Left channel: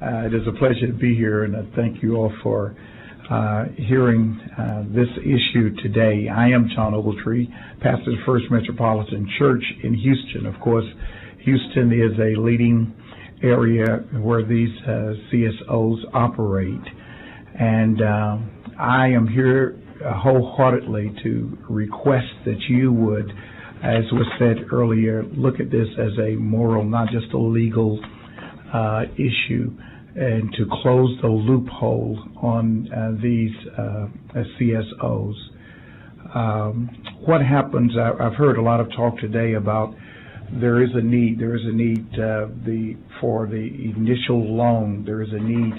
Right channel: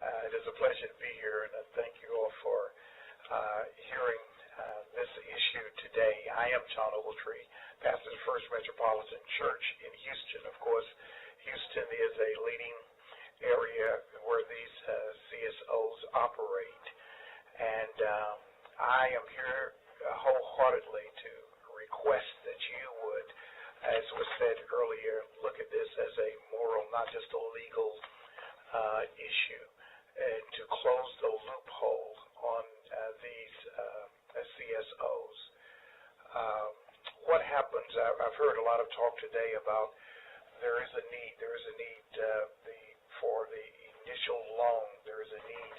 It is a pleasure to be here, and I thank you all for hearing this issue today. I am John Ogletree, pastor of First Metropolitan Church in Houston. Of course, Houston is a leading area where these CSOs operate, and I am here wholeheartedly to request that you would, as was said earlier, look at this as a moral, not just a legal issue, and to close the loophole on these CSOs. What happens, I've heard a lot of talk today about there is a need for the initial loan. There is a need,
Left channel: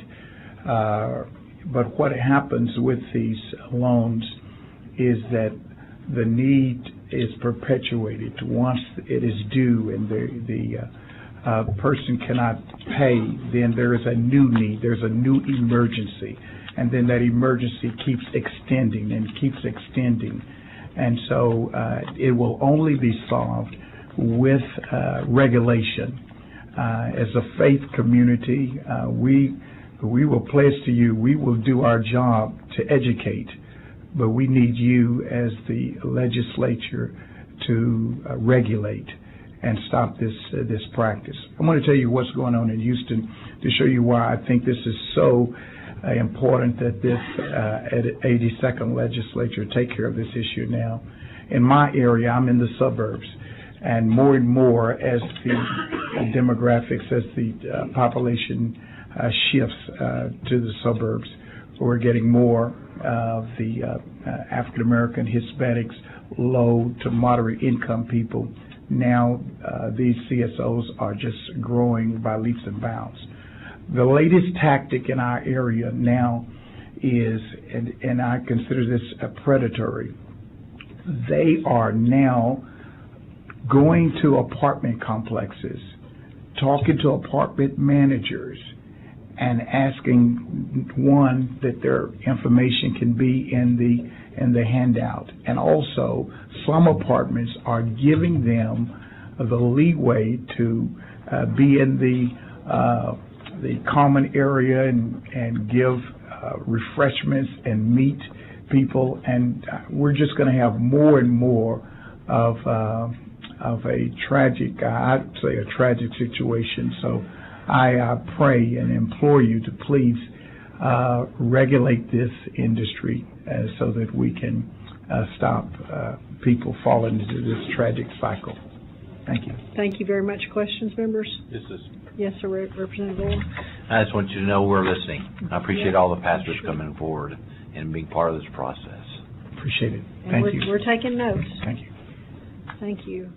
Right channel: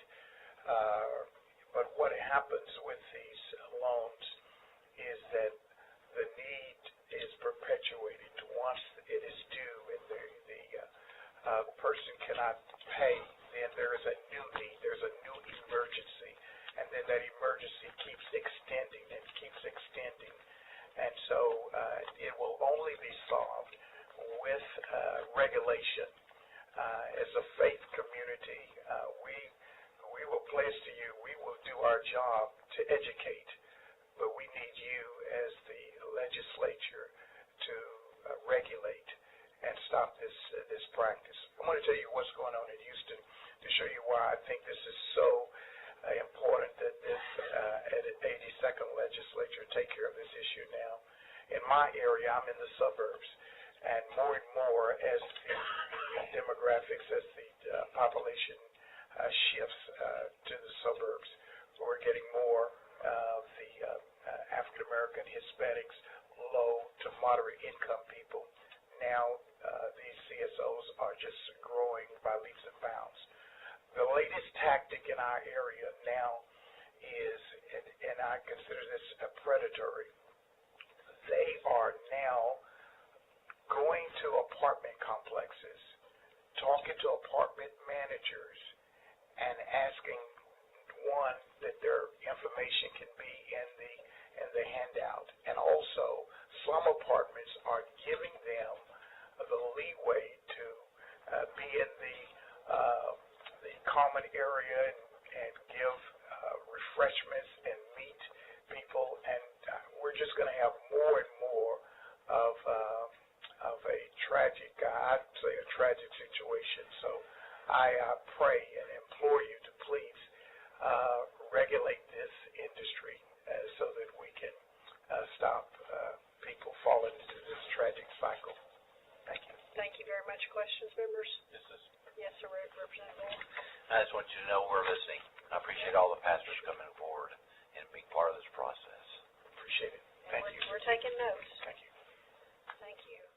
but what happens with these loans is that the need is perpetuated once it is due, and the person cannot pay. Then there is a new need. There's a new emergency, and then that emergency keeps extending and keeps extending, and so it will only be solved with regulation. As a faith community, we will pledge to you, we will do our job to educate, but we need you as the legislature to regulate and stop this practice. I'm going to tell you what's going on in Houston to show you why I think this is so important that this 82nd legislature take care of this issue now. In my area, I'm in the suburbs, and more as the demographics, as the population shifts to the suburbs, we're getting more of the African American, Hispanics, low to moderate income people. Now these CSOs are just growing by leaps and bounds. The latest tactic in our area now is, and I consider this predatory, they are now going to apartment complexes, talking to apartment managers, and asking, one, that their information can be in the handout. And also, some apartments are giving them the leeway to be in the common area and give refreshments and meet people. And we're just going to have more and more of a tragic, I'd say a tragic situation. So I pray and implore you to please regulate this industry so that we can stop people falling into this tragic cycle. Thank you. Thank you very much. Questions, members? Yes, sir, Representative Orr. I just want you to know we're listening. I appreciate all the pastors coming forward and being part of this process. Appreciate it. And Thank you. We're taking notes. Thank you. Thank you.